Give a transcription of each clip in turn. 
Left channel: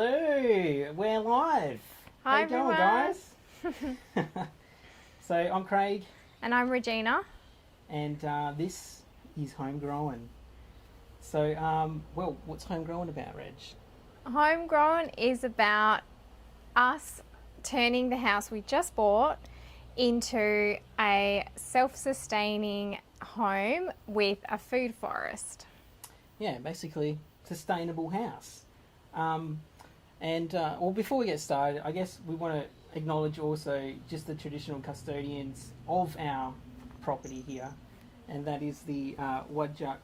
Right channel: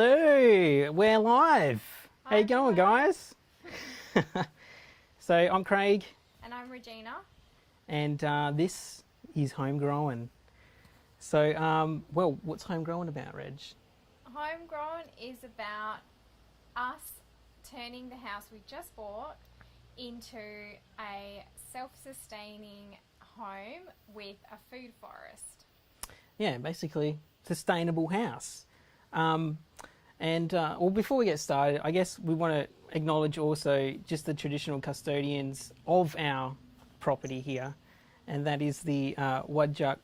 Hello, we're live. How Hi, you going, everyone. guys? So I'm Craig, And I'm Regina. and this is Homegrown. So, well, what's Homegrown about, Reg? Homegrown is about us turning the house we just bought into a self-sustaining home with a food forest. Yeah, basically, sustainable house. Well, before we get started, I guess we want to acknowledge also just the traditional custodians of our property here, and that is the Wadjuk.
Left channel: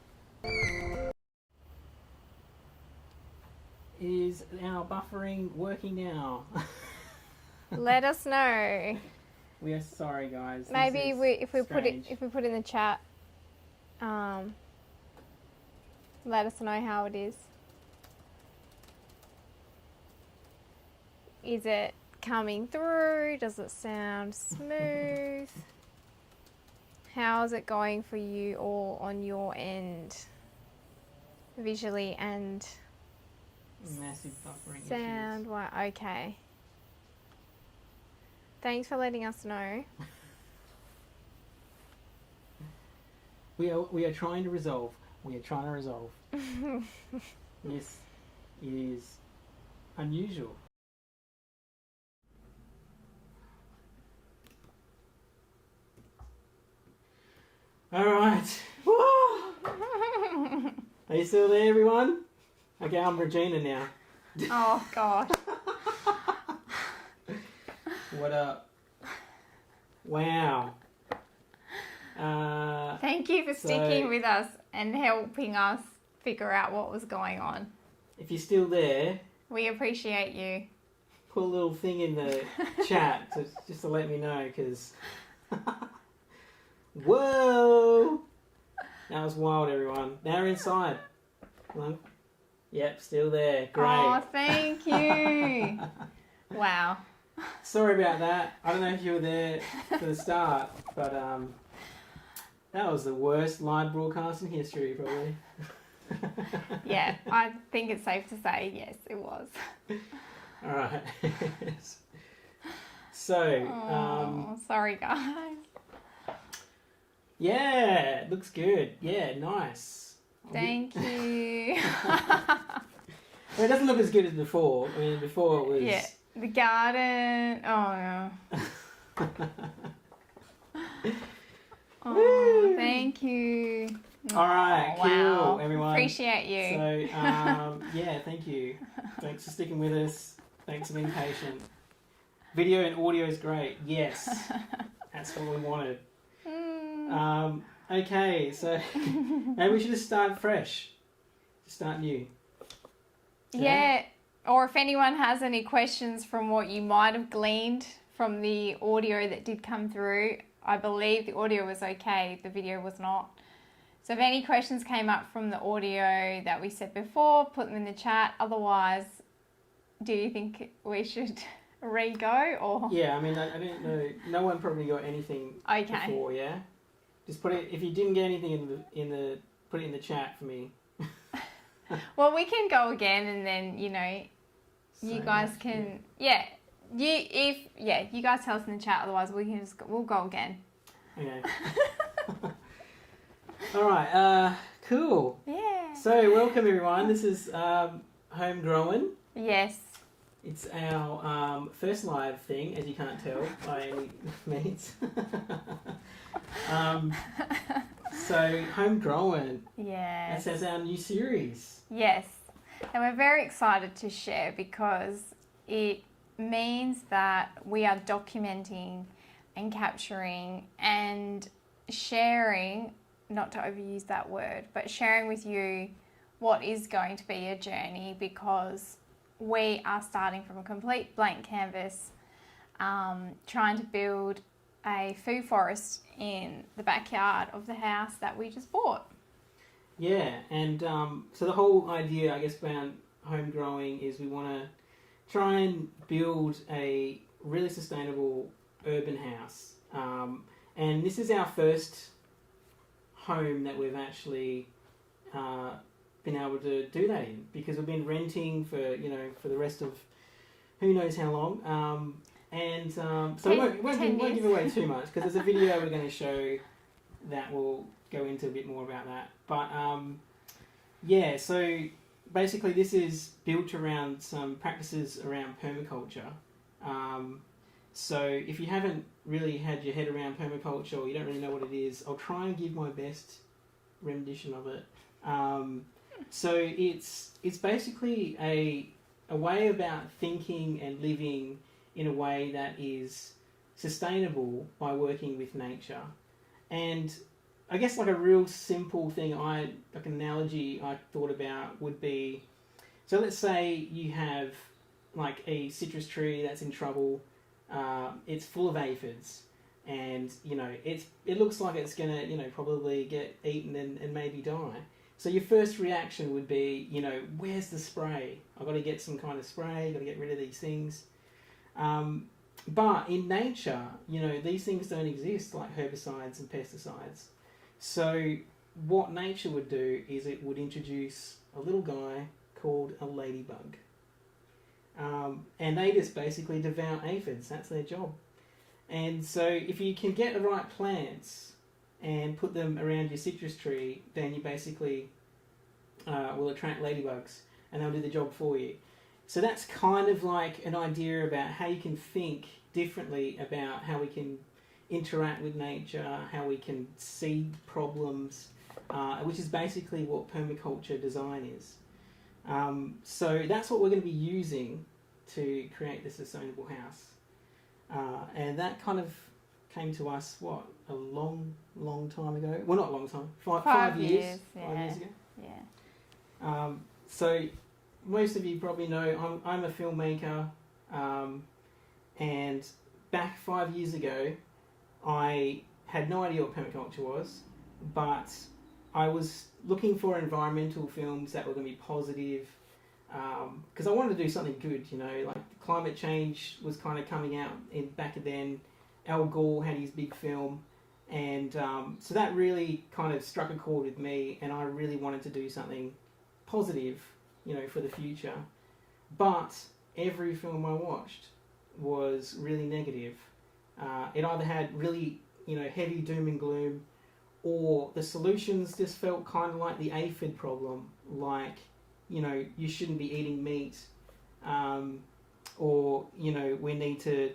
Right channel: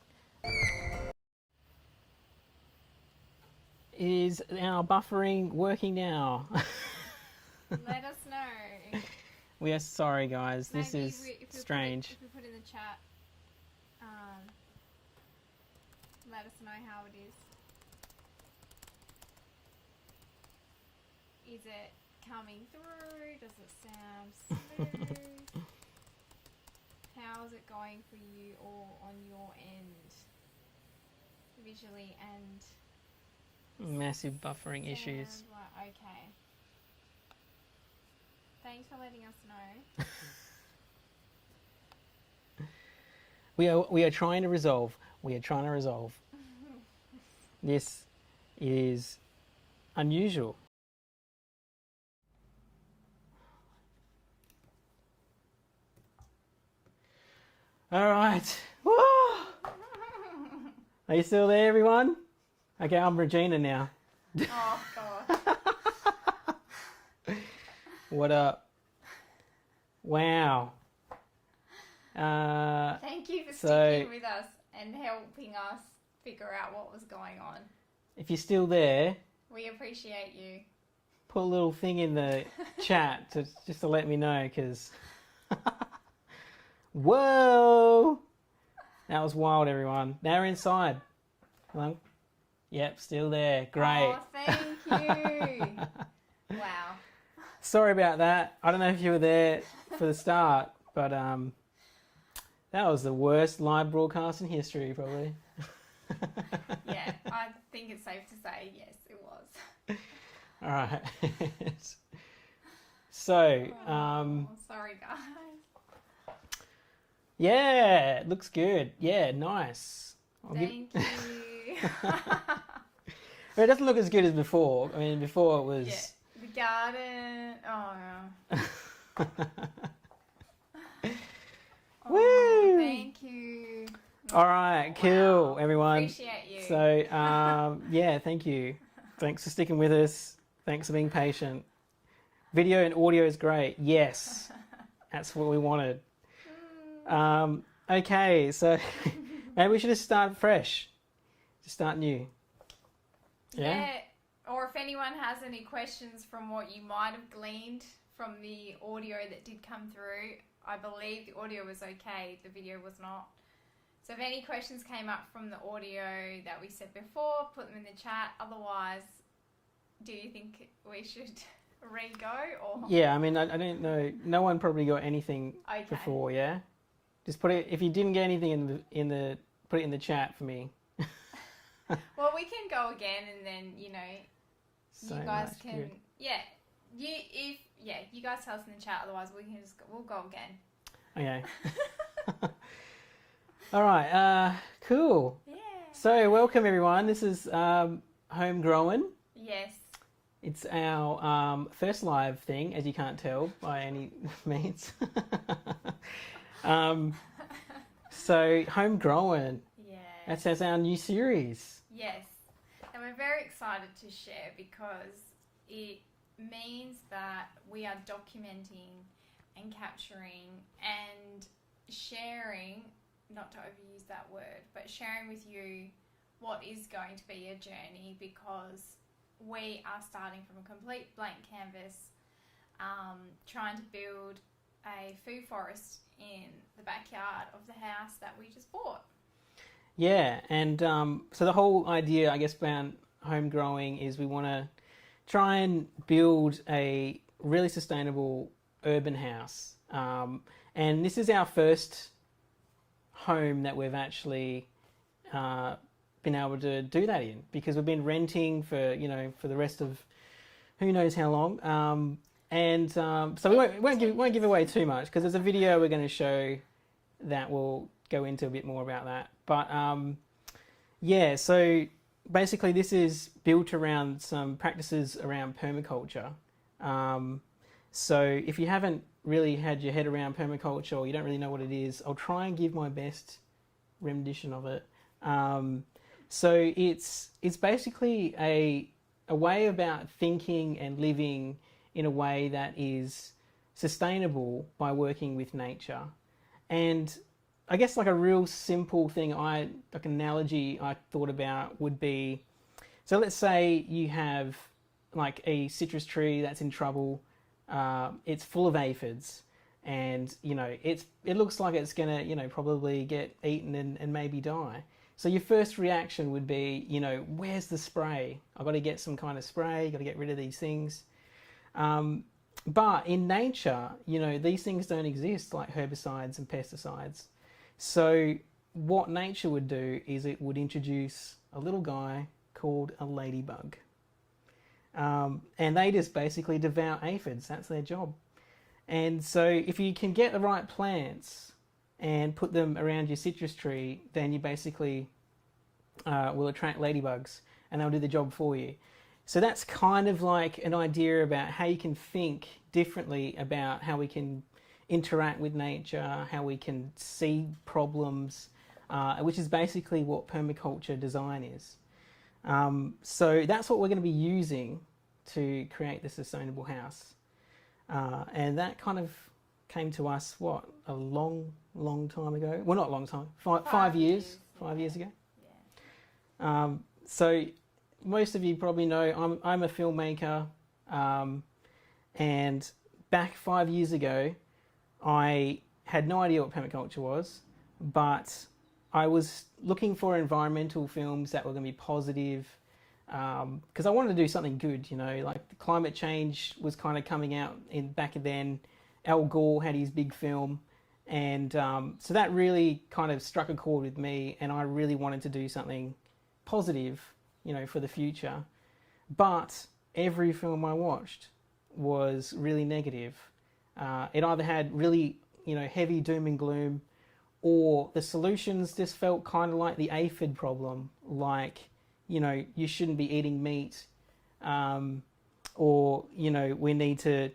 Is our buffering working now? Let us know. We are sorry, guys. Maybe if we strange. if we put in the chat, let us know how it is. Is it coming through? Does it sound smooth? How is it going for you all on your end? Visually and Massive buffering issues. sound wise. Okay. Thanks for letting us know. We are trying to resolve. We are trying to resolve. This is unusual. All right. Are you still there, everyone? Okay, I'm Regina now. Oh God. What up? Wow. Thank you for sticking with us and helping us figure out what was going on. If you're still there, We appreciate you. put a little thing in the chat just to let me know, because whoa, that was wild, everyone. Now we're inside. Well, yep, still there. Great. Oh, thank you. Wow. Sorry about that. I don't know if you were there for the start, but that was the worst live broadcast in history, probably. Yeah, I think it's safe to say yes, it was. All right. So, Sorry, guys. yeah, it looks good. Yeah, nice. Thank you. It doesn't look as good as before. I mean, before it was... Yeah, the garden. Oh, yeah. Woo! Thank you. All right, Oh, cool, wow. everyone. Appreciate you. So, yeah, thank you. Thanks for sticking with us. Thanks for being patient. Video and audio is great. Yes, that's what we wanted. Okay, so maybe we should just start fresh. Just start new. Yeah, or if anyone has any questions from what you might have gleaned from the audio that did come through, I believe the audio was okay, the video was not. So if any questions came up from the audio that we said before, put them in the chat. Otherwise, do you think we should re-go or? Yeah, I mean, I don't know. No one probably got anything before, yeah? Just put it, if you didn't get anything put it in the chat for me. Well, we can go again, and then you guys can you guys tell us in the chat. Otherwise, we'll go again. Okay. All right. Cool. Yeah. So welcome, everyone. This is Homegrown. Yes. It's our first live thing, as you can't tell by any means. So Homegrown. Yeah. That's our new series. Yes. And we're very excited to share because it means that we are documenting and capturing and sharing, not to overuse that word, but sharing with you what is going to be a journey, because we are starting from a complete blank canvas, trying to build a food forest in the backyard of the house that we just bought. Yeah, and so the whole idea, I guess, behind home growing is we want to try and build a really sustainable urban house. And this is our first home that we've actually been able to do that in, because we've been renting for, you know, for the rest of who knows how long. So we won't give away too much, because there's a video we're going to show that will go into a bit more about that. But yeah, so basically this is built around some practices around permaculture. So if you haven't really had your head around permaculture, or you don't really know what it is, I'll try and give my best rendition of it. So it's basically a way about thinking and living in a way that is sustainable by working with nature. And I guess like a real simple thing, like an analogy I thought about would be, so let's say you have like a citrus tree that's in trouble. It's full of aphids, and you know it looks like it's gonna, you know, probably get eaten and maybe die. So your first reaction would be, you know, where's the spray? I've got to get some kind of spray. Got to get rid of these things. But in nature, you know, these things don't exist, like herbicides and pesticides. So what nature would do is it would introduce a little guy called a ladybug. And they just basically devour aphids. That's their job. And so if you can get the right plants and put them around your citrus tree, then you basically will attract ladybugs, and they'll do the job for you. So that's kind of like an idea about how you can think differently about how we can interact with nature, how we can see problems, which is basically what permaculture design is. So that's what we're going to be using to create the sustainable house. And that kind of came to us, a long time ago? Well, not a long time, 5 years. Yeah. 5 years ago. Yeah. So most of you probably know I'm a filmmaker, and back 5 years ago, I had no idea what permaculture was, but I was looking for environmental films that were going to be positive, because I wanted to do something good, you know, like climate change was kind of coming out back then. Al Gore had his big film, and so that really kind of struck a chord with me, and I really wanted to do something positive, you know, for the future. But every film I watched was really negative. It either had really, you know, heavy doom and gloom, or the solutions just felt kind of like the aphid problem, like, you know, you shouldn't be eating meat, or, you know, we need to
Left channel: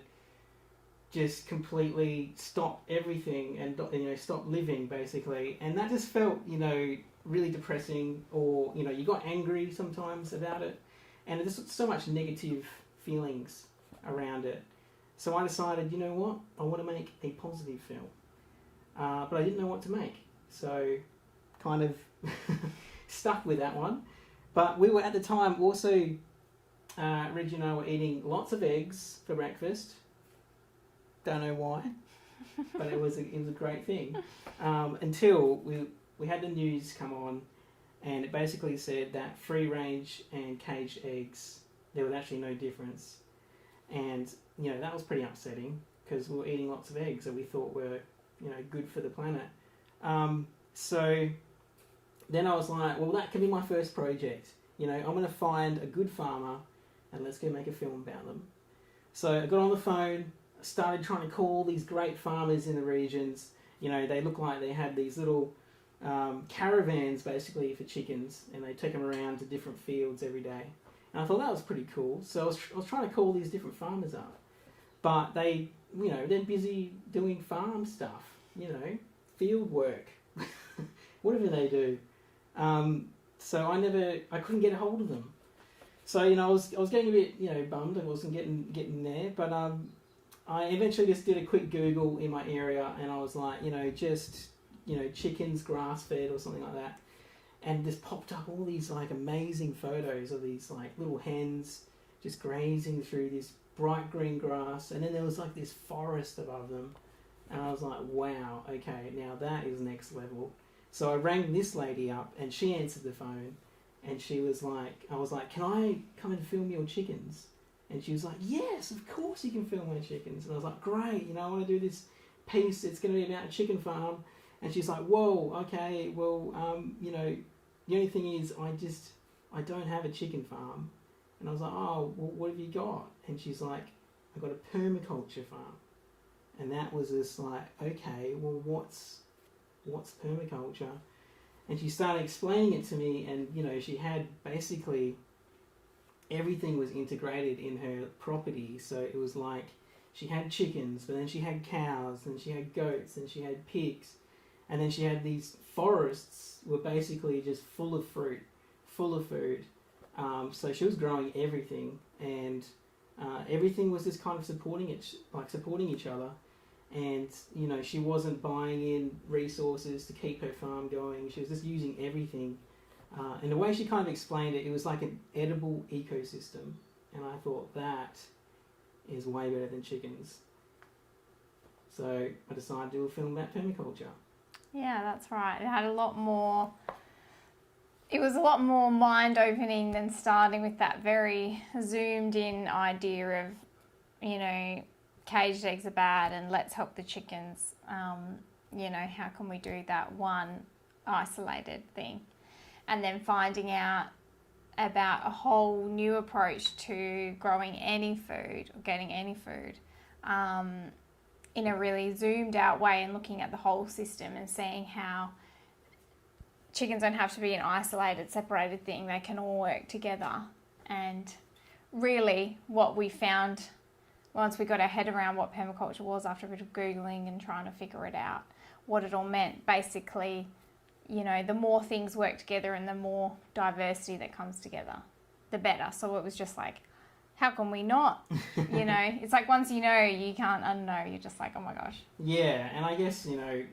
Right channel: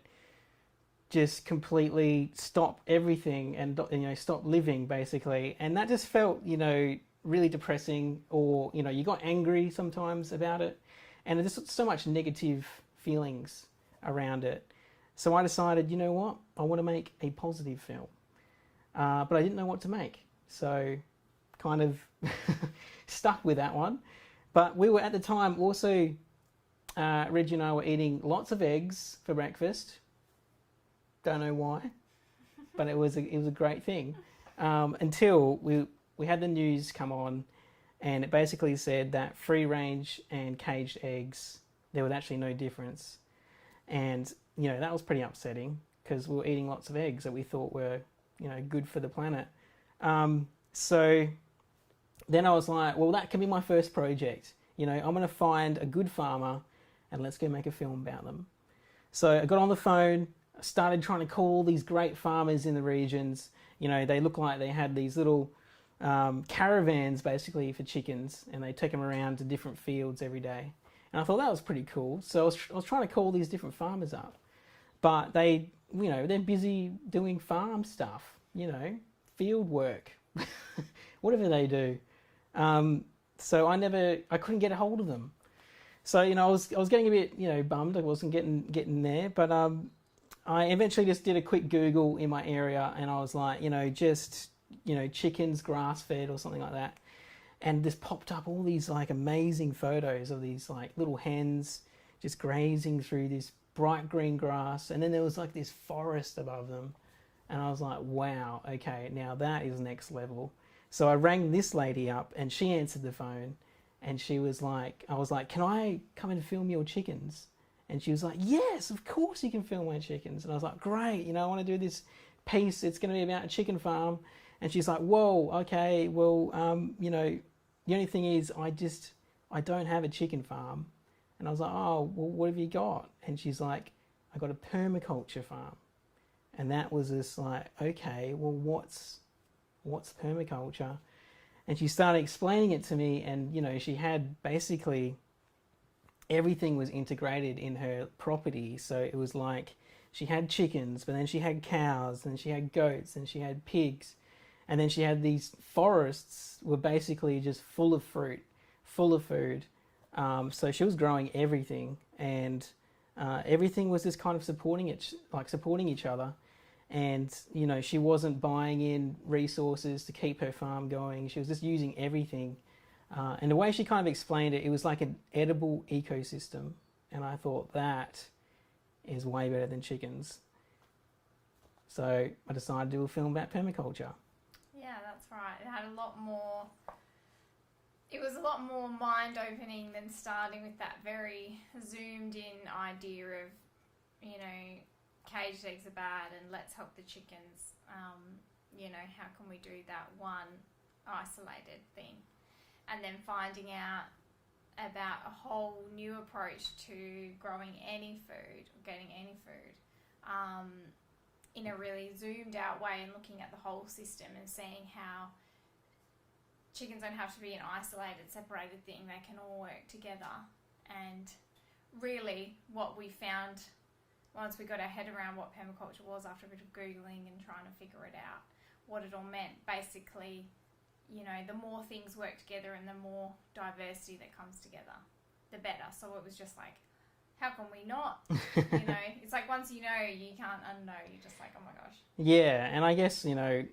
just completely stop everything and, you know, stop living, basically. And that just felt, you know, really depressing, or, you know, you got angry sometimes about it, and there's so much negative feelings around it. So I decided, you know what, I want to make a positive film, but I didn't know what to make, so kind of stuck with that one. But we were at the time also, Regina and I were eating lots of eggs for breakfast. Don't know why, but it was a great thing, until we had the news come on, and it basically said that free range and caged eggs, there was actually no difference. And, you know, that was pretty upsetting, because we were eating lots of eggs that we thought were, you know, good for the planet. So then I was like, well, that can be my first project. You know, I'm going to find a good farmer and let's go make a film about them. So I got on the phone, started trying to call these great farmers in the regions. You know, they look like they had these little caravans basically for chickens, and they take them around to different fields every day. And I thought that was pretty cool. So I was trying to call these different farmers up, but they, you know, they're busy doing farm stuff, you know, field work, whatever they do. So I couldn't get a hold of them. So, you know, I was getting a bit, you know, bummed. I wasn't getting there, but I eventually just did a quick Google in my area, and I was like, you know, just, you know, chickens grass fed or something like that. And this popped up all these like amazing photos of these like little hens just grazing through this bright green grass. And then there was like this forest above them. And I was like, wow, okay, now that is next level. So I rang this lady up, and she answered the phone, and she was like, I was like, can I come and film your chickens? And she was like, yes, of course you can film my chickens. And I was like, great, you know, I want to do this piece. It's going to be about a chicken farm. And she's like, whoa, okay, well, you know, the only thing is I don't have a chicken farm. And I was like, oh, well, what have you got? And she's like, I got a permaculture farm. And that was just like, okay, well, what's permaculture? And she started explaining it to me, and you know, she had basically everything was integrated in her property. So it was like she had chickens, but then she had cows, and she had goats, and she had pigs, and then she had these forests were basically just full of fruit, full of food. So she was growing everything, and everything was just kind of supporting each other. And you know, she wasn't buying in resources to keep her farm going. She was just using everything. And the way she kind of explained it, it was like an edible ecosystem. And I thought that is way better than chickens. So I decided to do a film about permaculture. Yeah, that's right. It had a lot more. It was a lot more mind-opening than starting with that very zoomed-in idea of, you know, caged eggs are bad and let's help the chickens. You know, how can we do that one isolated thing? And then finding out about a whole new approach to growing any food or getting any food in a really zoomed out way, and looking at the whole system and seeing how chickens don't have to be an isolated, separated thing. They can all work together. And really what we found once we got our head around what permaculture was, after a bit of Googling and trying to figure it out, what it all meant, basically, you know, the more things work together and the more diversity that comes together, the better. So it was just like, how can we not? You know, it's like once you know, you can't unknow. You're just like, oh my gosh. Yeah, and I guess, you know,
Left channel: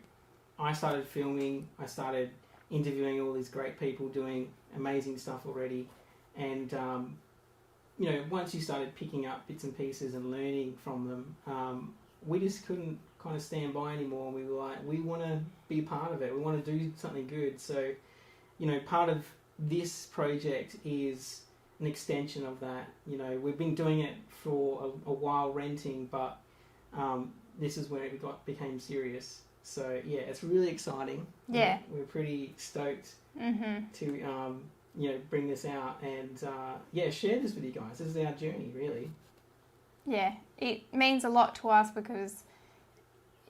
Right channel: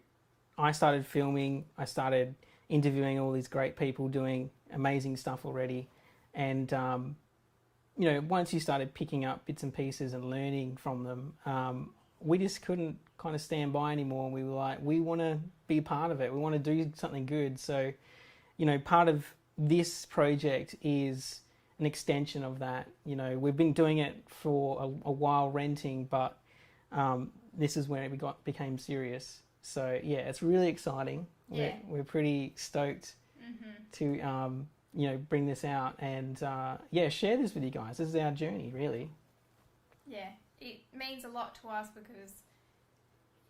I started filming, I started interviewing all these great people doing amazing stuff already. And, you know, once you started picking up bits and pieces and learning from them, we just couldn't kind of stand by anymore. And we were like, we want to be part of it. We want to do something good. So, you know, part of this project is an extension of that. You know, we've been doing it for a while renting, but this is where it became serious. So, yeah, it's really exciting. Yeah. We're pretty stoked to you know, bring this out and yeah, share this with you guys. This is our journey, really. Yeah, it means a lot to us because,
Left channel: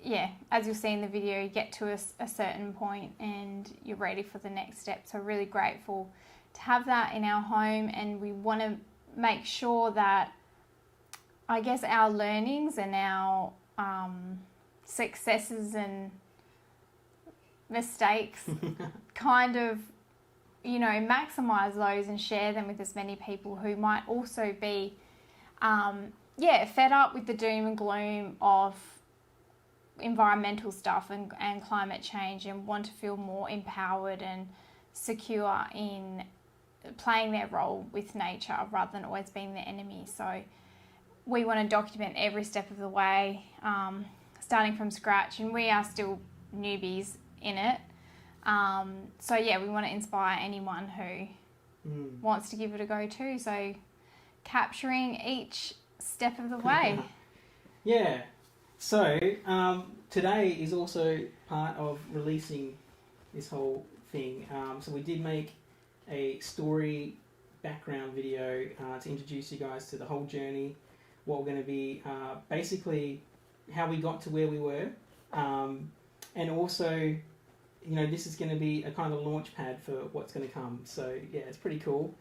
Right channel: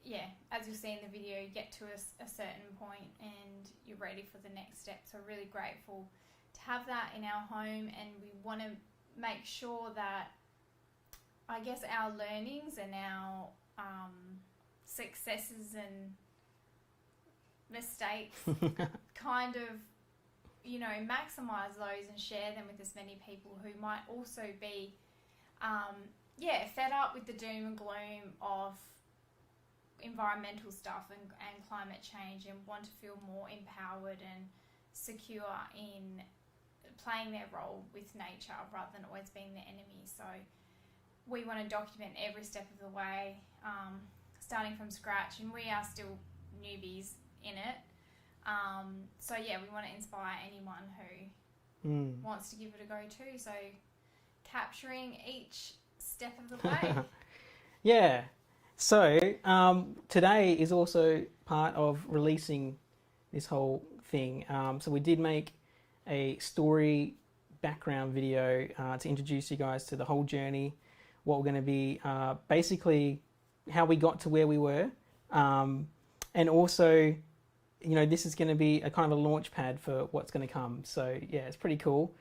yeah, as you'll see in the video, you get to a certain point and you're ready for the next step. So really grateful to have that in our home, and we want to make sure that, I guess, our learnings and our successes and mistakes kind of, you know, maximize those and share them with as many people who might also be fed up with the doom and gloom of environmental stuff and climate change, and want to feel more empowered and secure in playing their role with nature rather than always being the enemy. So we want to document every step of the way, starting from scratch, and we are still newbies in it. So yeah, we want to inspire anyone who wants to give it a go too. So capturing each step of the way. Yeah. So today is also part of releasing this whole thing. So we did make a story background video to introduce you guys to the whole journey, what we're going to be, basically how we got to where we were, and also, you know, this is going to be a kind of a launch pad for what's going to come. So yeah, it's pretty cool.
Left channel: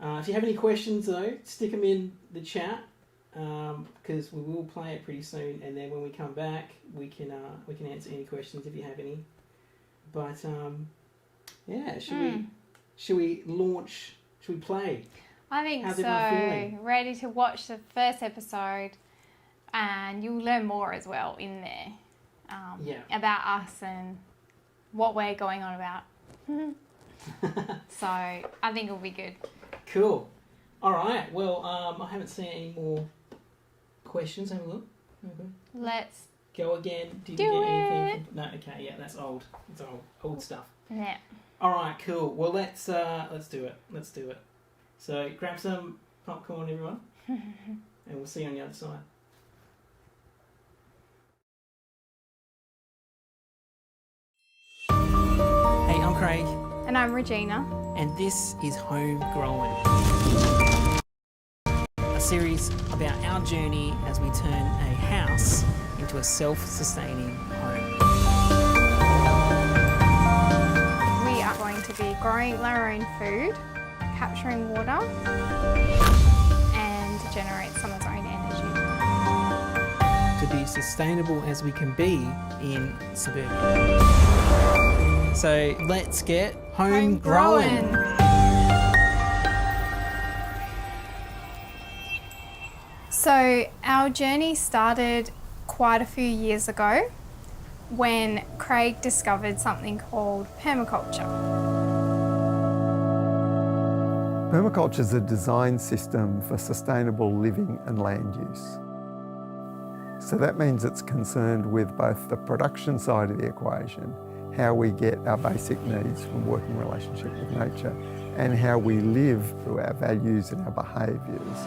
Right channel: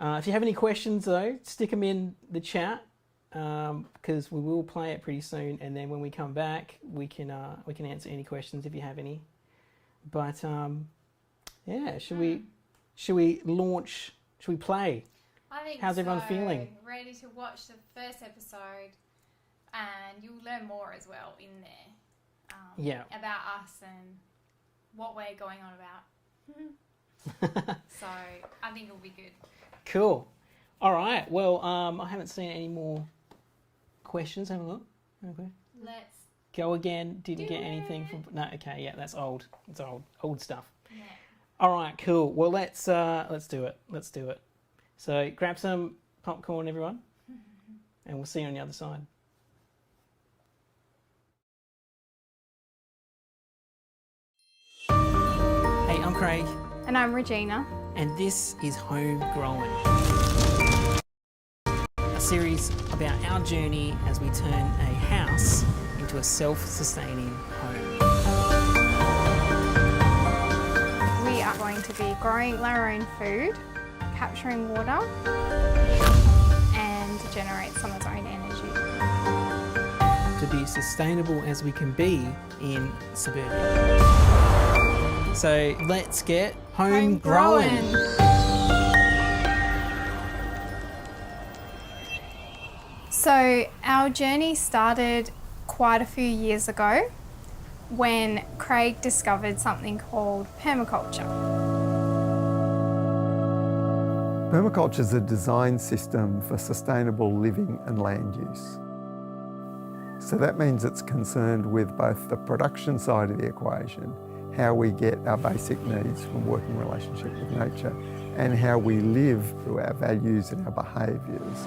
If you have any questions though, stick them in the chat, because we will play it pretty soon, and then when we come back, we can answer any questions if you have any. But yeah, should we launch? Should we play? I think How's so. everyone feeling? Ready to watch the first episode, and you'll learn more as well in there about us and what we're going on about. So I think it'll be good. Cool. All right. Well, I haven't seen any more questions. Have a look. Okay. Let's go again. Did you do get anything? it. No. Okay. Yeah, that's old. It's old stuff. Yeah. All right. Cool. Well, let's do it. Let's do it. So grab some popcorn, everyone, and we'll see you on the other side. Hey, I'm Craig. And I'm Regina. And this is Homegrown, a series about our journey as we turn a house into a self-sustaining home. We are going to be growing our own food, capturing water, and generate some of our own energy. To be sustainable as we can be in suburbia. So let's get homegrown. So our journey started quite a few years ago when Craig discovered something called permaculture. Permaculture is a design system for sustainable living and land use. So that means it's concerned with both the production side of the equation, how we get our basic needs from working relationship with nature, and how we live through our values and our behaviours.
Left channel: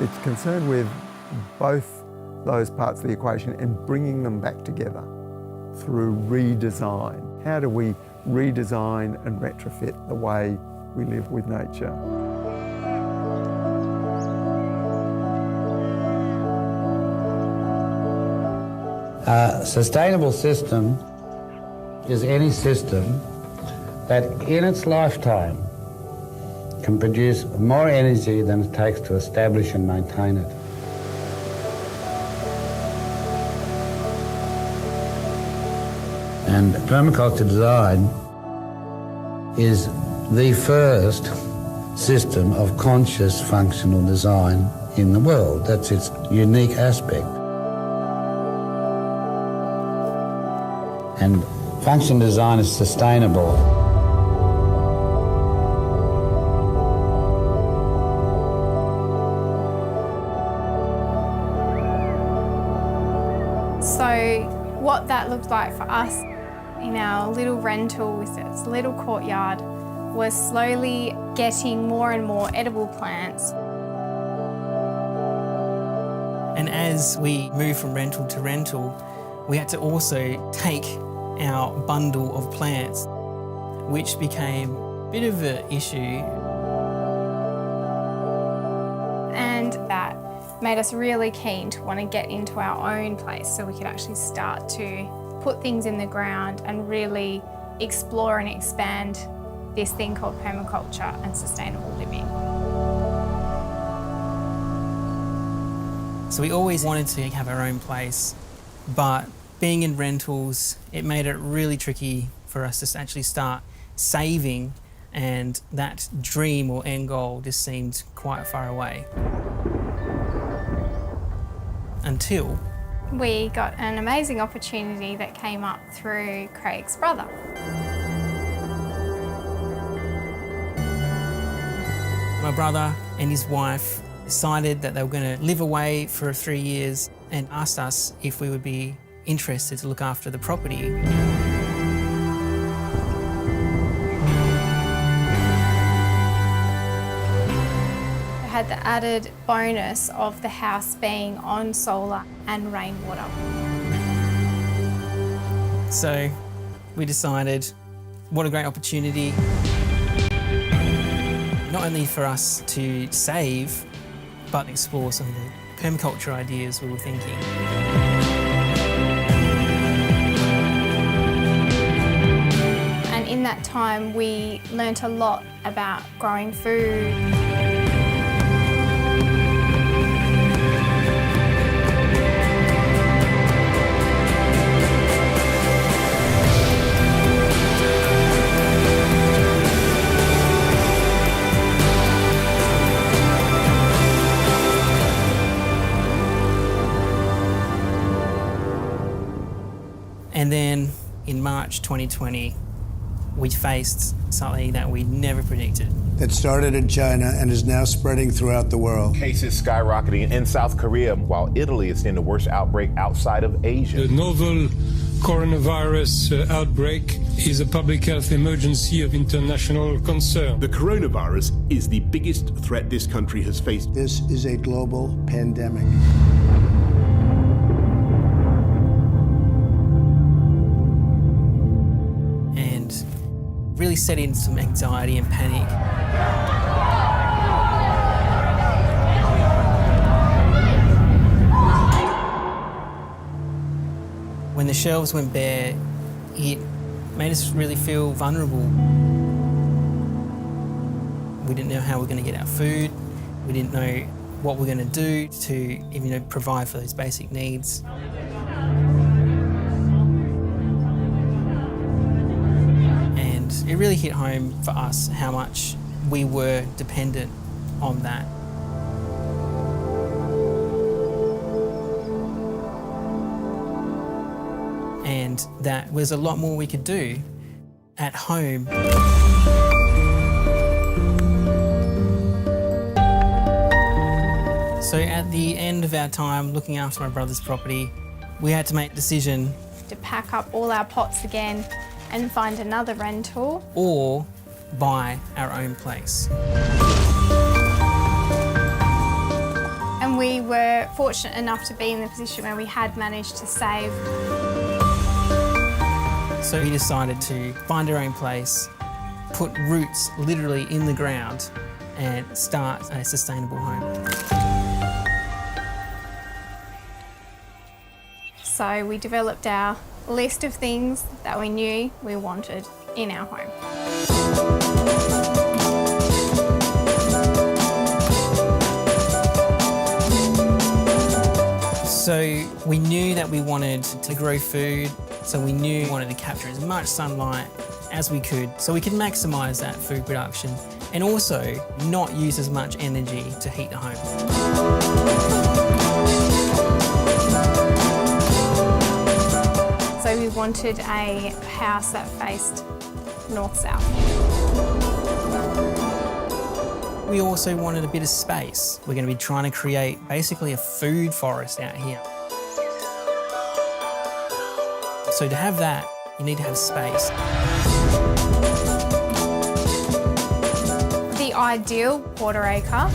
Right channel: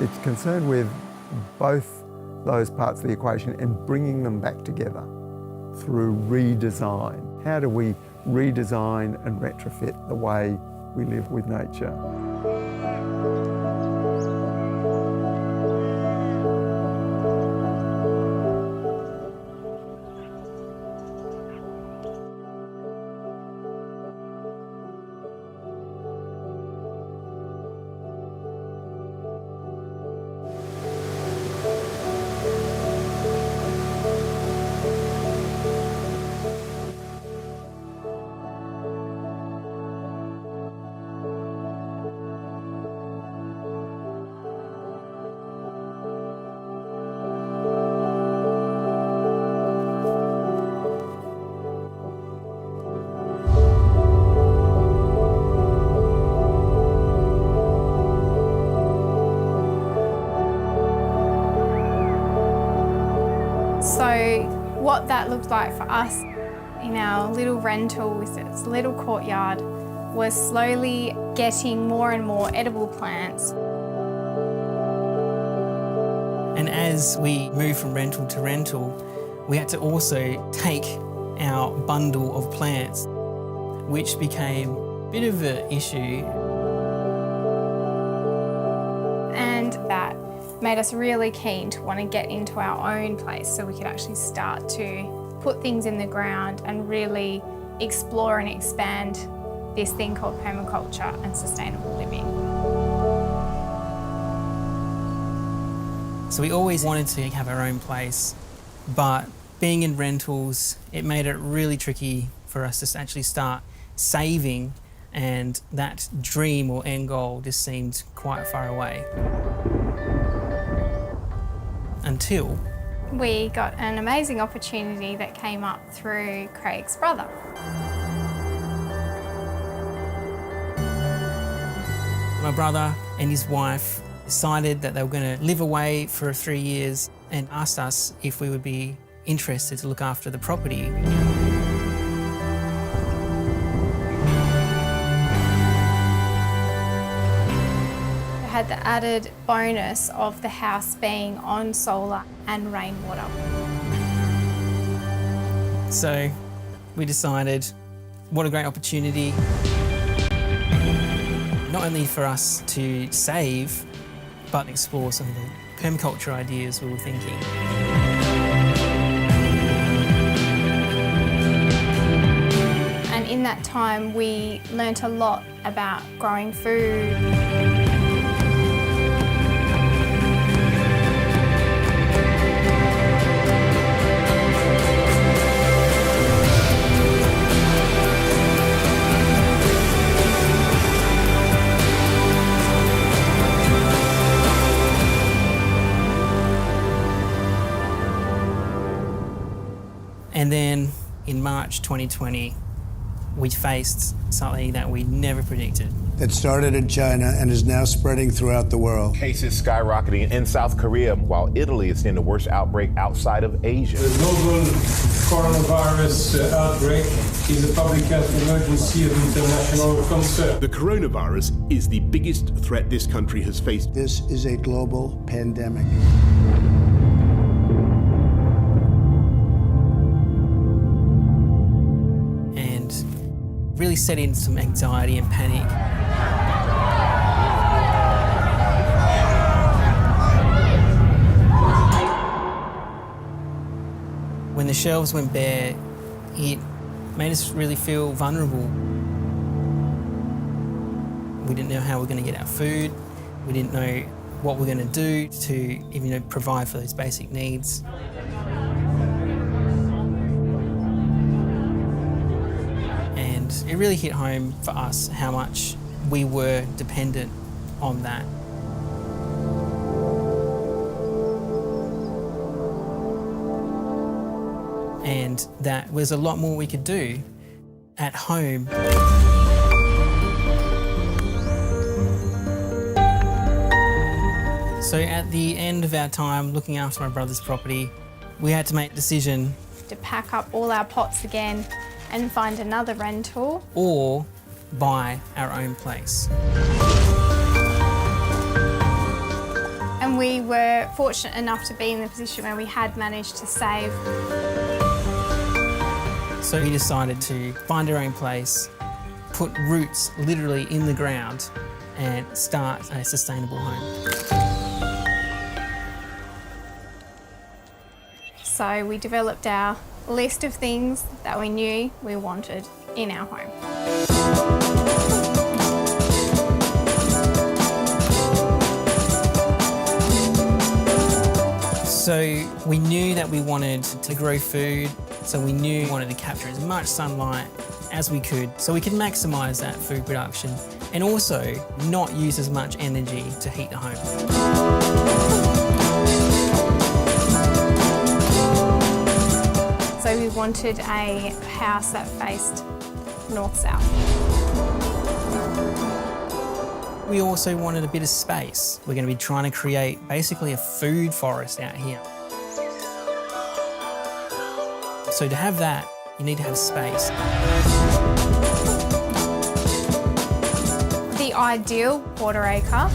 It's concerned with both those parts of the equation and bringing them back together through redesign. How do we redesign and retrofit the way we live with nature? A sustainable system is any system that in its lifetime can produce more energy than it takes to establish and maintain it. And permaculture design is the first system of conscious functional design in the world. That's its unique aspect. And function design is sustainable. So what that looked like for us in our little rental with its little courtyard was slowly getting more and more edible plants. And as we moved from rental to rental, we had to also take our bundle of plants, which became a bit of an issue. And that made us really keen to want to get into our own place so we could actually start to put things in the ground and really explore and expand this thing called permaculture and sustainable living. So we always wanted to have our own place, but being in rentals, it made it really tricky for us to actually start saving, and that dream or end goal just seemed quite far away. Until we got an amazing opportunity that came up through Craig's brother. My brother and his wife decided that they were going to live away for 3 years and asked us if we would be interested to look after the property. It had the added bonus of the house being on solar and rainwater. So we decided, what a great opportunity, not only for us to save, but explore some of the permaculture ideas we were thinking. And in that time, we learnt a lot about growing food. And then in March 2020, we faced something that we never predicted. It started in China and is now spreading throughout the world. Cases skyrocketing in South Korea, while Italy is seeing the worst outbreak outside of Asia. The novel coronavirus outbreak is a public health emergency of international concern. The coronavirus is the biggest threat this country has faced. This is a global pandemic. really set in some anxiety and panic. When the shelves went bare, it made us really feel vulnerable. We didn't know how we're going to get our food. We didn't know what we're going to do to even provide for those basic needs. And it really hit home for us how much we were dependent on that. And that was a lot more we could do at home. So at the end of our time looking after my brother's property, we had to make a decision. To pack up all our pots again and find another rental. Or buy our own place. And we were fortunate enough to be in the position where we had managed to save. So we decided to find our own place, put roots literally in the ground and start a sustainable home. So we developed our list of things that we knew we wanted in our home. So we knew that we wanted to grow food, so we knew we wanted to capture as much sunlight as we could so we could maximise that food production and also not use as much energy to heat the home. So we wanted a house that faced north-south. We also wanted a bit of space. We're going to be trying to create basically a food forest out here. So to have that, you need to have space. The ideal quarter acre,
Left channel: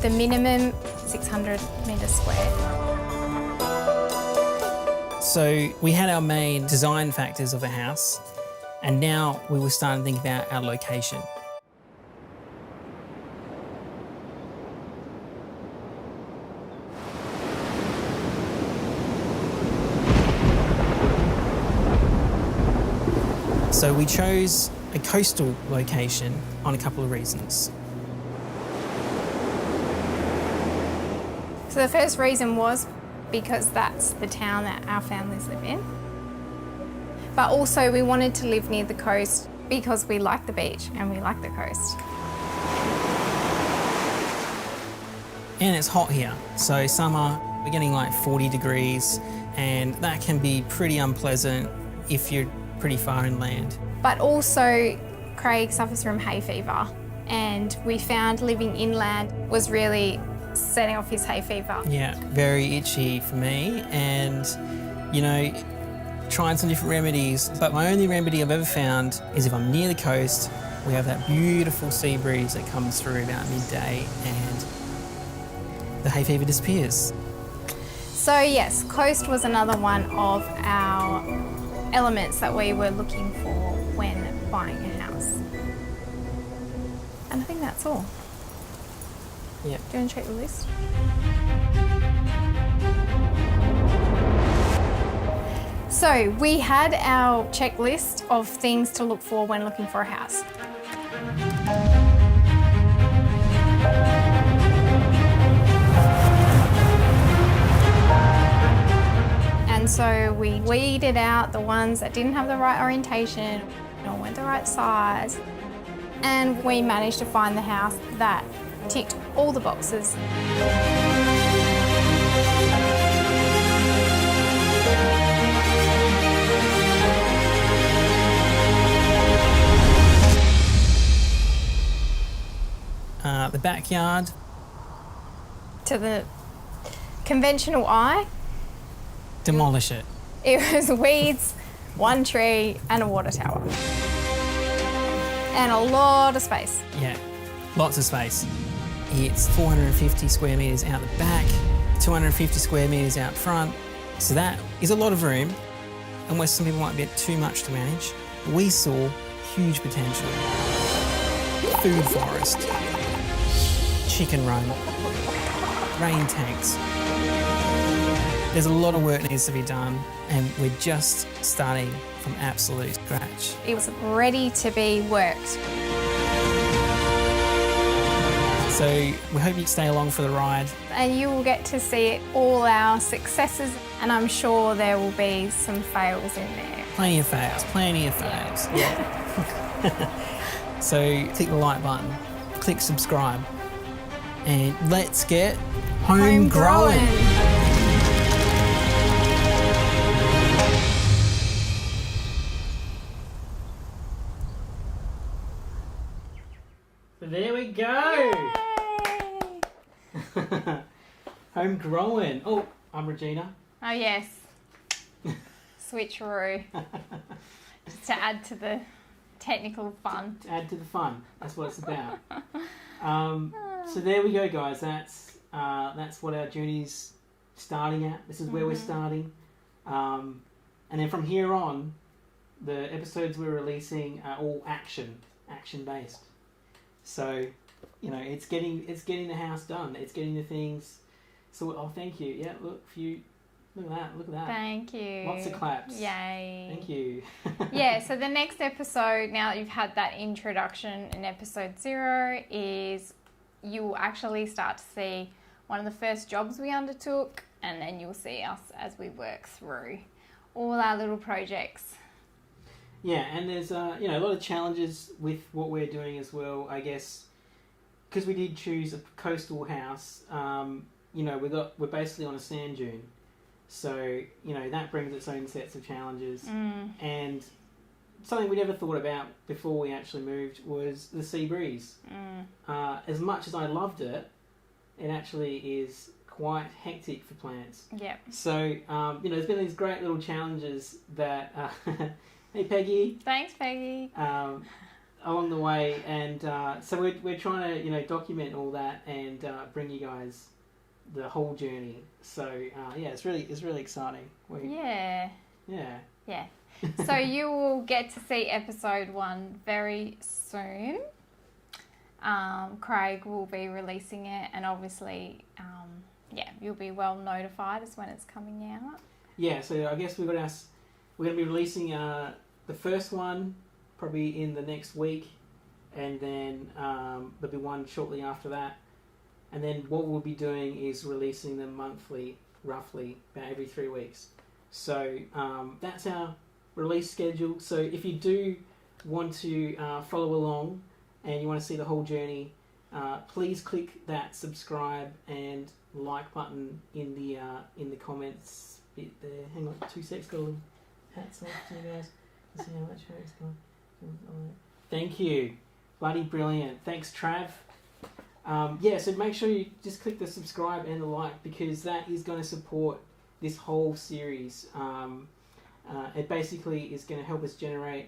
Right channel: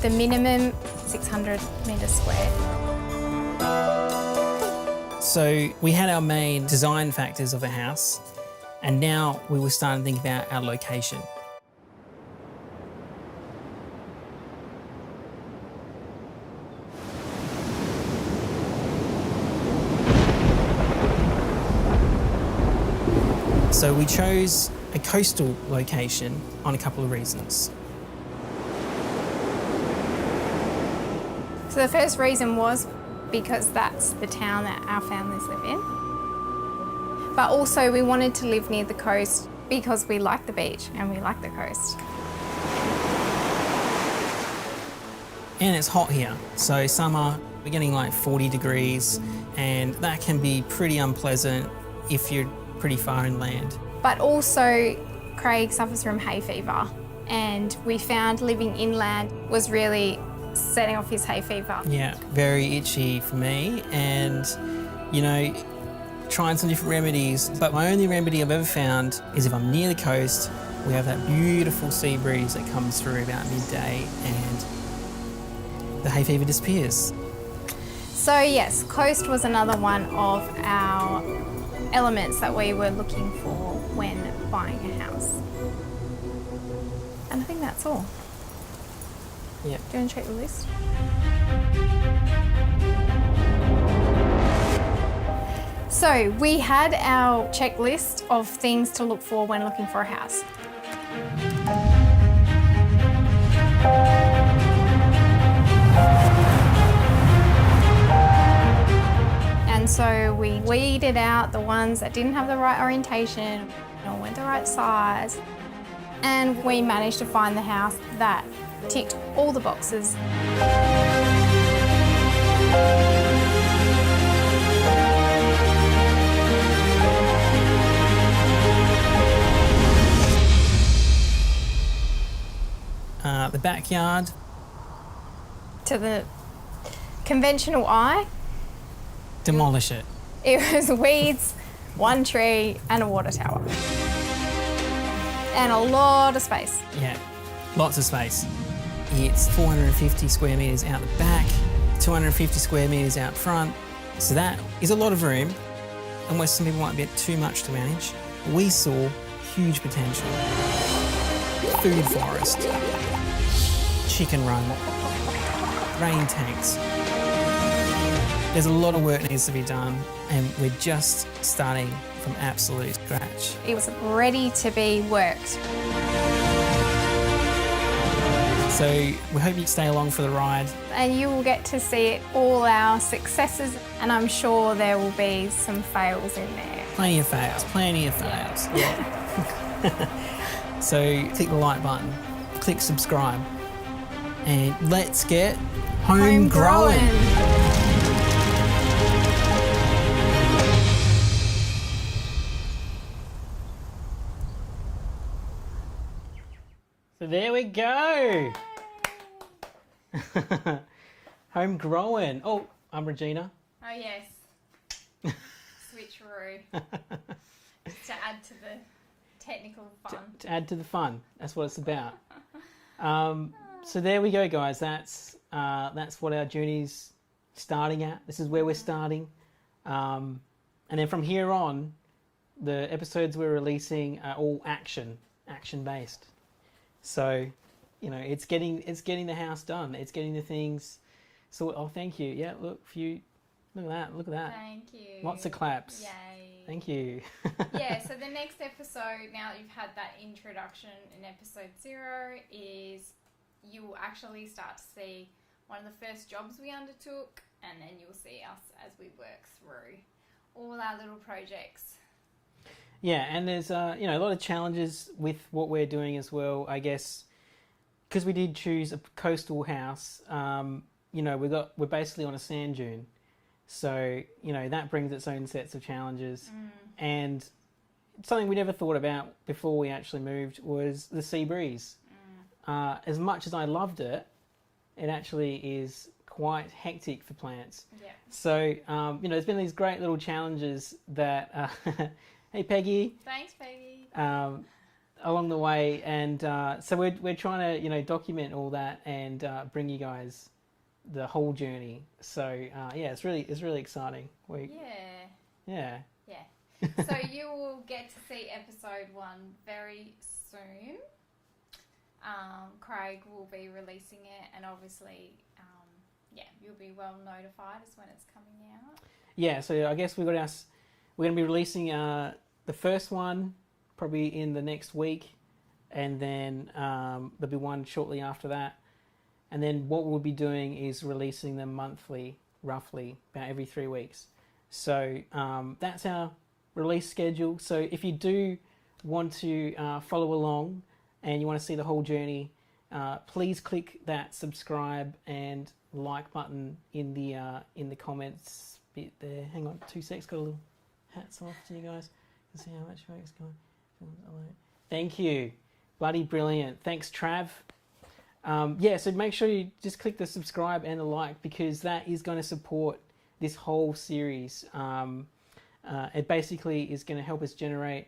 the minimum 600 metres square. So we had our main design factors of a house, and now we were starting to think about our location. So we chose a coastal location on a couple of reasons. So the first reason was because that's the town that our families live in. But also we wanted to live near the coast because we like the beach and we like the coast. And it's hot here. So summer, we're getting like 40 degrees, and that can be pretty unpleasant if you're pretty far inland. But also Craig suffers from hay fever, and we found living inland was really setting off his hay fever. Yeah, very itchy for me, and trying some different remedies. But my only remedy I've ever found is if I'm near the coast, we have that beautiful sea breeze that comes through about midday and the hay fever disappears. So yes, coast was another one of our elements that we were looking for when buying a house. And I think that's all. Yeah. Do you want to check the list? So we had our checklist of things to look for when looking for a house. And so we weeded out the ones that didn't have the right orientation or weren't the right size. And we managed to find the house that ticked all the boxes. The backyard. To the conventional eye, Demolish it. it was weeds, one tree and a water tower. And a lot of space. Yeah, lots of space. It's 450 square metres out the back, 250 square metres out front. So that is a lot of room, and where some people might be too much to manage. We saw huge potential. Food forest, chicken run, rain tanks. There's a lot of work that needs to be done, and we're just starting from absolute scratch. It was ready to be worked. So we hope you stay along for the ride. And you will get to see all our successes, and I'm sure there will be some fails in there. Plenty of fails, plenty of fails. Yeah. So click the like button, click subscribe, and let's get home growing. So there we go. Home growing. Oh, I'm Regina. Oh yes. Switcheroo. Just to add to the technical fun. To add to the fun. That's what it's about. So there we go, guys. That's what our journey's starting at. This is where we're starting. And then from here on, the episodes we're releasing are all action based. So, you know, it's getting the house done. It's getting the things. So, oh, thank you. Yeah, look at that. Thank you. Lots of claps. Yay. Thank you. Yeah, so the next episode, now that you've had that introduction in episode 0, is you will actually start to see one of the first jobs we undertook, and then you'll see us as we work through all our little projects. Yeah, and there's a lot of challenges with what we're doing as well. I guess because we did choose a coastal house. We're basically on a sand dune, so that brings its own sets of challenges. And something we never thought about before we actually moved was the sea breeze. As much as I loved it, it actually is quite hectic for plants. Yep. So there's been these great little challenges that. Hey Peggy. Thanks, Peggy. Along the way, and so we're trying to document all that and bring you guys the whole journey. So it's really exciting. Yeah. Yeah. So you will get to see episode 1 very soon. Craig will be releasing it, and obviously, you'll be well notified as when it's coming out. Yeah. So I guess we're going to be releasing the first one probably in the next week, and then there'll be one shortly after that. And then what we'll be doing is releasing them monthly, roughly, about every 3 weeks. So that's our release schedule. So if you do want to follow along and you want to see the whole journey, please click that subscribe and like button in the comments bit there. Hang on 2 seconds, got a little hats off to you guys. See how that show is going. Thank you. Bloody brilliant. Thanks, Trav. So make sure you just click the subscribe and the like, because that is going to support this whole series. It basically is going to help us generate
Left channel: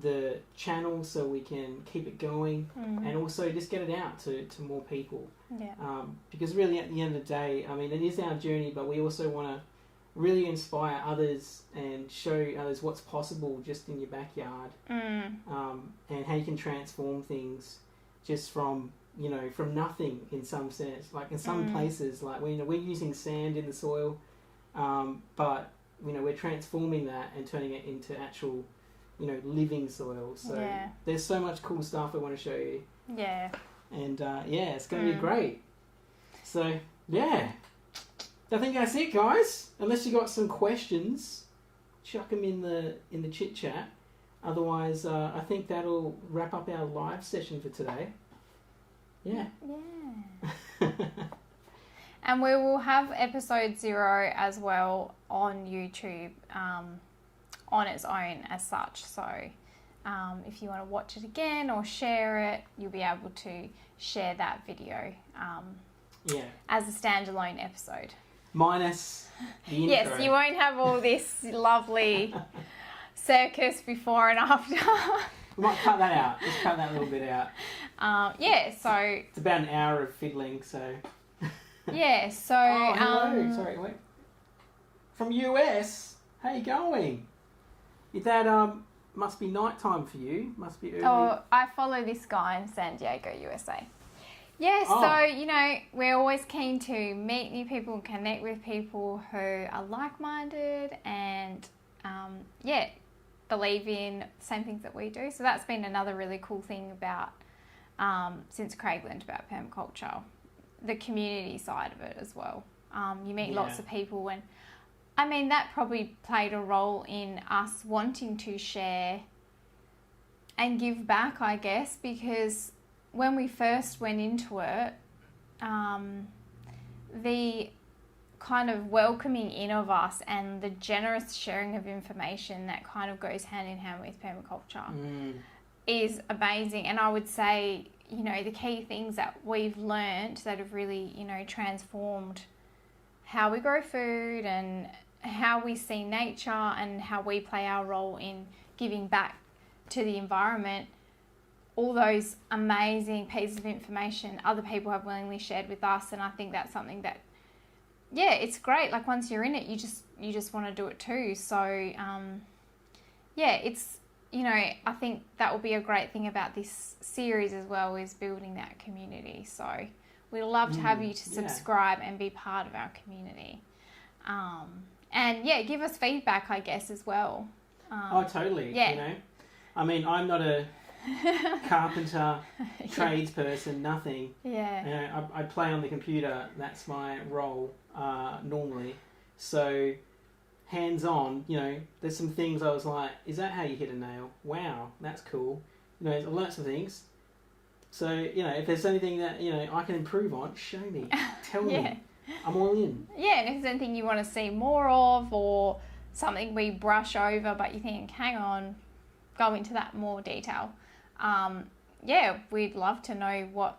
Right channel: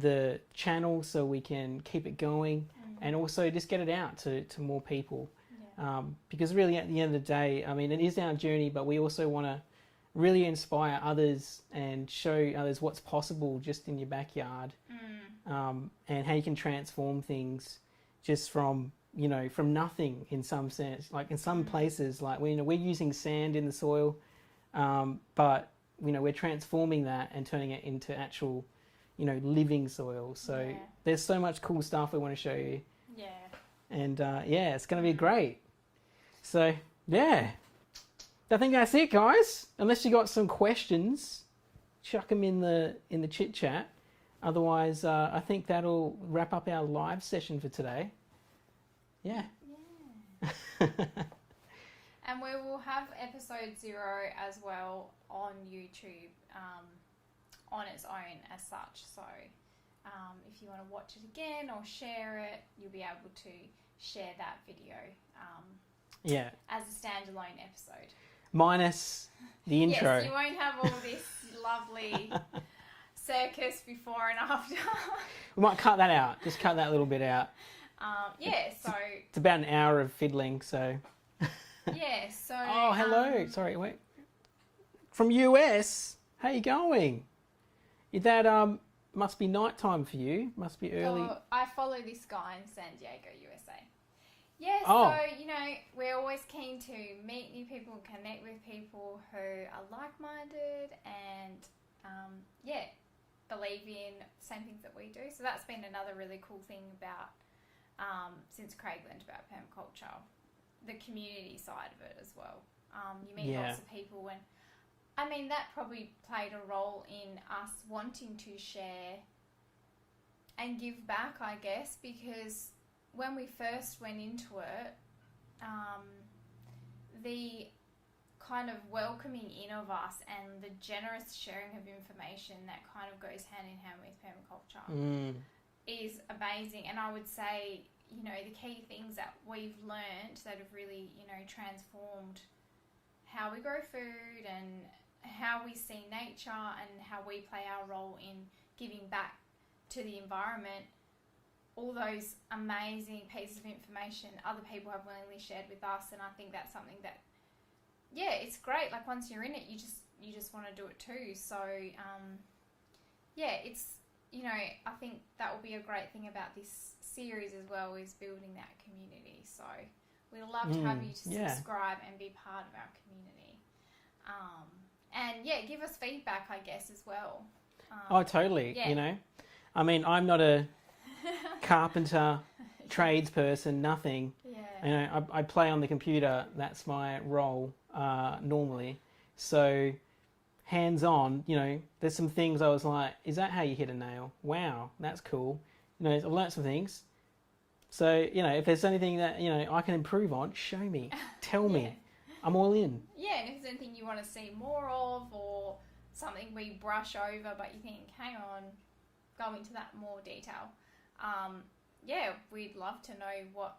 the channel so we can keep it going, and also just get it out to more people. Yeah. Because really at the end of the day, I mean, it is our journey, but we also want to really inspire others and show others what's possible just in your backyard, and how you can transform things just from nothing in some sense. Like in some places, like we're using sand in the soil, but we're transforming that and turning it into actual living soil. So there's so much cool stuff we want to show you. Yeah. And it's going to be great. So yeah. I think that's it, guys. Unless you got some questions, chuck them in the chit chat. Otherwise, I think that'll wrap up our live session for today. Yeah. Yeah. And we will have episode 0 as well on YouTube, on its own as such. So if you want to watch it again or share it, you'll be able to share that video as a standalone episode. Minus the intro. Yes, you won't have all this lovely circus before and after. We might cut that out. Just cut that little bit out. So... It's about an hour of fiddling, so... Yeah, so... Oh, hello. Sorry, wait. From US? How you going? Is that, must be nighttime for you. Must be early. Oh, I follow this guy in San Diego, USA. Yeah, Oh. so, you know, we're always keen to meet new people and connect with people who are like-minded and, believe in the same things that we do. So that's been another really cool thing about, since Craig learned about permaculture, the community side of it as well. You meet lots of people, and I mean, that probably played a role in us wanting to share and give back, I guess, because when we first went into it, the kind of welcoming in of us and the generous sharing of information that kind of goes hand in hand with permaculture is amazing. And I would say, you know, the key things that we've learned that have really, you know, transformed how we grow food and how we see nature and how we play our role in giving back to the environment, all those amazing pieces of information other people have willingly shared with us. And I think that's something that, it's great. Like, once you're in it, you just want to do it too. So, it's, you know, I think that will be a great thing about this series as well, is building that community. So we'd love to have you to subscribe and be part of our community. And give us feedback, I guess, as well. Totally. You know, I mean, I'm not a carpenter, tradesperson, nothing. Yeah. You know, I play on the computer. That's my role normally. So hands-on, you know, there's some things I was like, is that how you hit a nail? Wow, that's cool. You know, I've learnt some things. So, you know, if there's anything that, you know, I can improve on, show me. Tell me. I'm all in. Yeah, and if there's anything you want to see more of, or something we brush over but you think, hang on, go into that more detail. We'd love to know what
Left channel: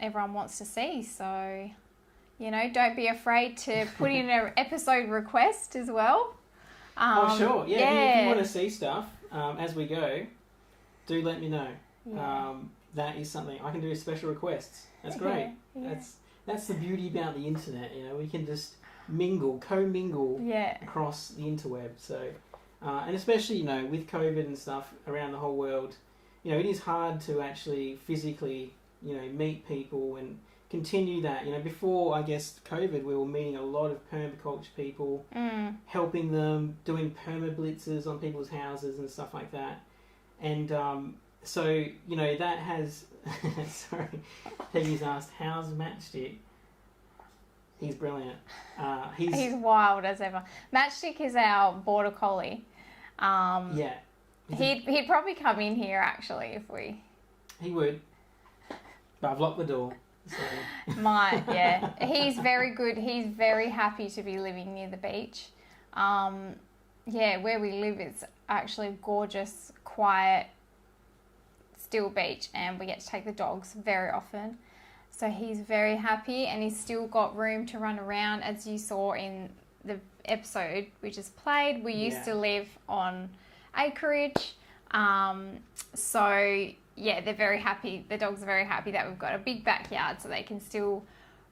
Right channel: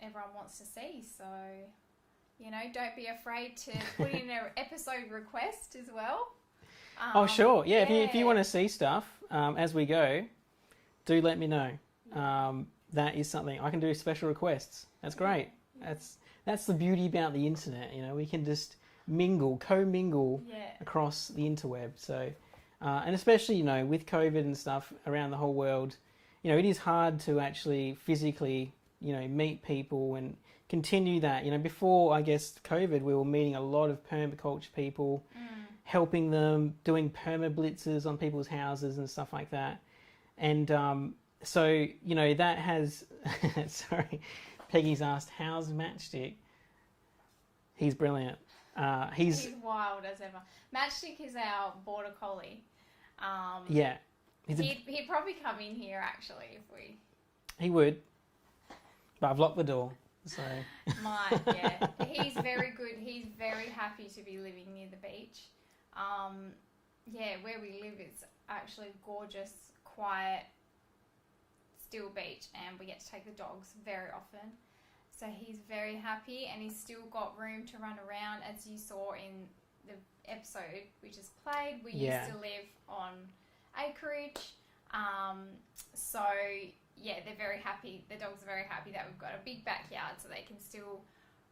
everyone wants to see. So, you know, don't be afraid to put in an episode request as well. Sure. If you want to see stuff as we go, do let me know. That is something I can do. Special requests. That's great. That's the beauty about the internet. You know, we can just co-mingle across the interweb. So, and especially, you know, with COVID and stuff around the whole world, you know, it is hard to actually physically, you know, meet people and continue that. You know, before, I guess, COVID, we were meeting a lot of permaculture people, helping them, doing perma-blitzes on people's houses and stuff like that. And so, you know, that has... Sorry, Peggy's asked, how's Matchstick? He's brilliant. He's wild as ever. Matchstick is our border collie. He'd probably come in here, actually, if we... He would. But I've locked the door, so... Might, yeah. He's very good. He's very happy to be living near the beach. Where we live, it's actually gorgeous, quiet, still beach, and we get to take the dogs very often. So he's very happy, and he's still got room to run around. As you saw in the episode we just played, we used to live on acreage. They're very happy. The dogs are very happy that we've got a big backyard, so they can still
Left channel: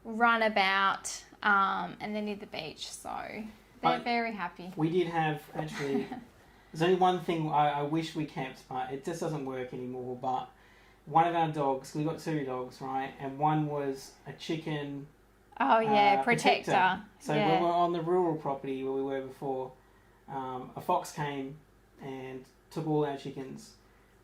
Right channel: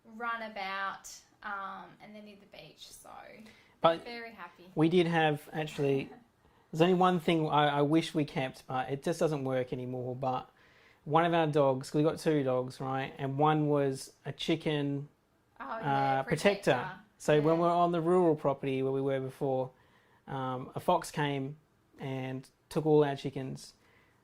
run about, and they're near the beach, so they're very happy. We did have, actually, there's only one thing I wish we kept, but it just doesn't work anymore, but one of our dogs, we've got 2 dogs, right, and one was a chicken protector. So when we were on the rural property where we were before, a fox came and took all our chickens.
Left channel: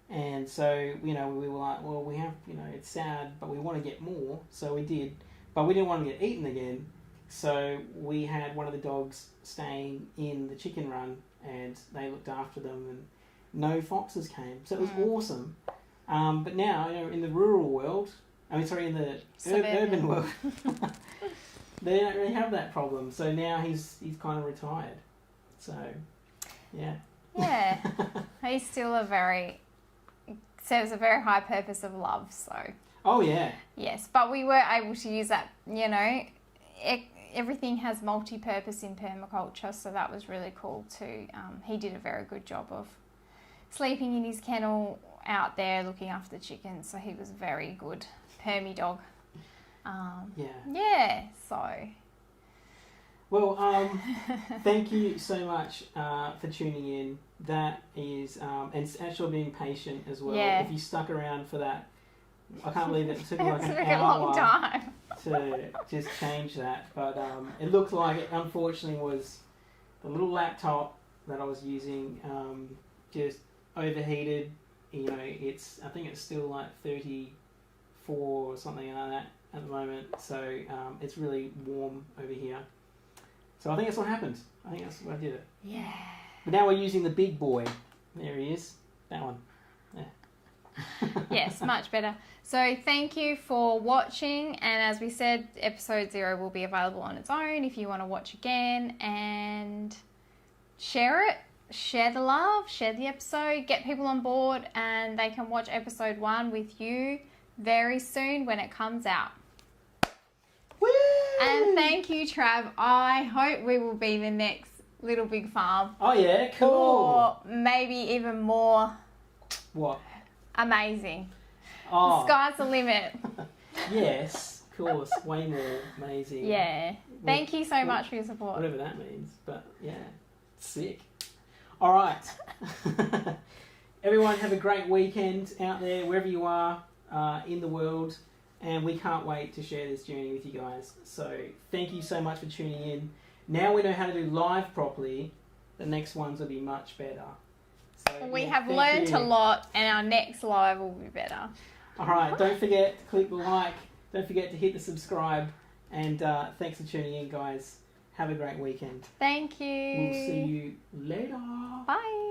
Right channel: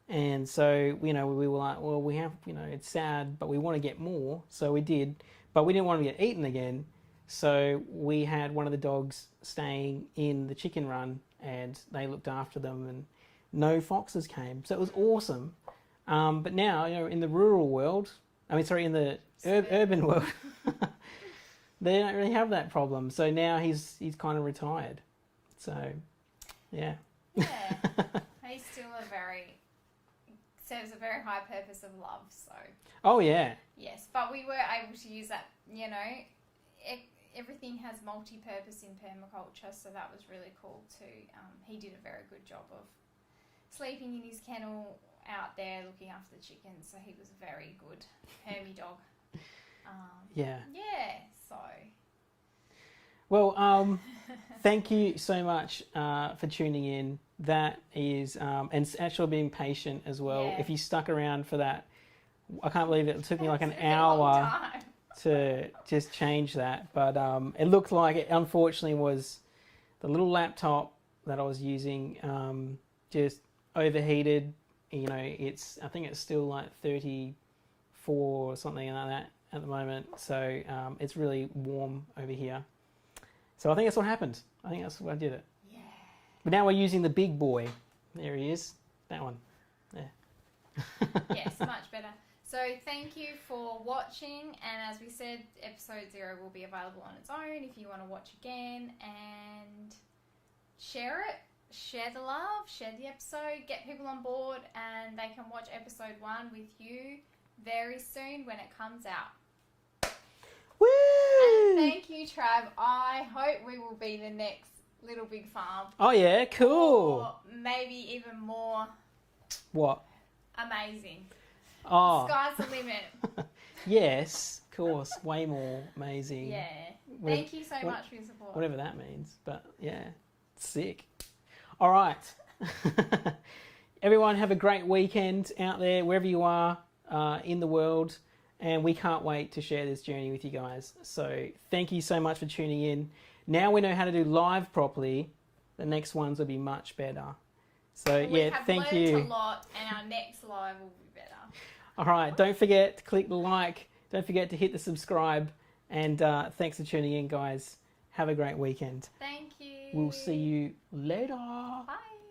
And so, you know, we were like, well, we have, you know, it's sad, but we want to get more. So we did, but we didn't want to get eaten again. So we had one of the dogs staying in the chicken run, and they looked after them, and no foxes came. So it was awesome. But now, you know, in the rural world, in the urban world, they don't really have that problem. So now he's kind of retired. So, yeah. Yeah. He's still serves a very high purpose of love, so. Oh, yeah. Yes, but we were able to use that, you know, everything has multi-purpose in permaculture, so that was really cool too. He did a very good job of sleeping in his kennel out there looking after the chickens, so he was a very good permy dog. So. Well, thank you so much for tuning in. That is, and actually being patient as well. Yeah. If you stuck around for that, I can't believe it took me like an It's been a long hour time. to just change that. But it looked like it unfortunately was the little laptop that I was using just overheated. You know, I think it's still like 34 or something like that at the moment. So it's really warm over here. So I think that's what happened. I think that's what I did it. Yeah. But now we're using the big boy. There he is. That one. Yeah. Yes, much better. So thank you for watching, and as we said, episode 0 will be available on its own if you want to watch again, and share it, share the love, share the episode, get people on board, and they can watch episode 1 with you very soon when it comes out. Woo! And thank you, Trav. I hope we will be the next Little Big Farm. Oh yeah, cool. Or maybe even more What? amazing. Oh. The sky's the limit. Yes, of course. Way more amazing. Yeah. Thank you so much for your support. Whatever that means. But yeah, sick. All right. Everyone have a great weekend out there, wherever you are in the world. And we can't wait to share this journey with you guys. So thank you so much for tuning in. Now we know how to do live properly. The next ones will be much better. So We yeah, have thank learned you. a lot, and our next live will be better. All right, don't forget to click the like. Don't forget to hit the subscribe. And thanks for tuning in, guys. Have a great weekend. Thank you. We'll see you later. Bye.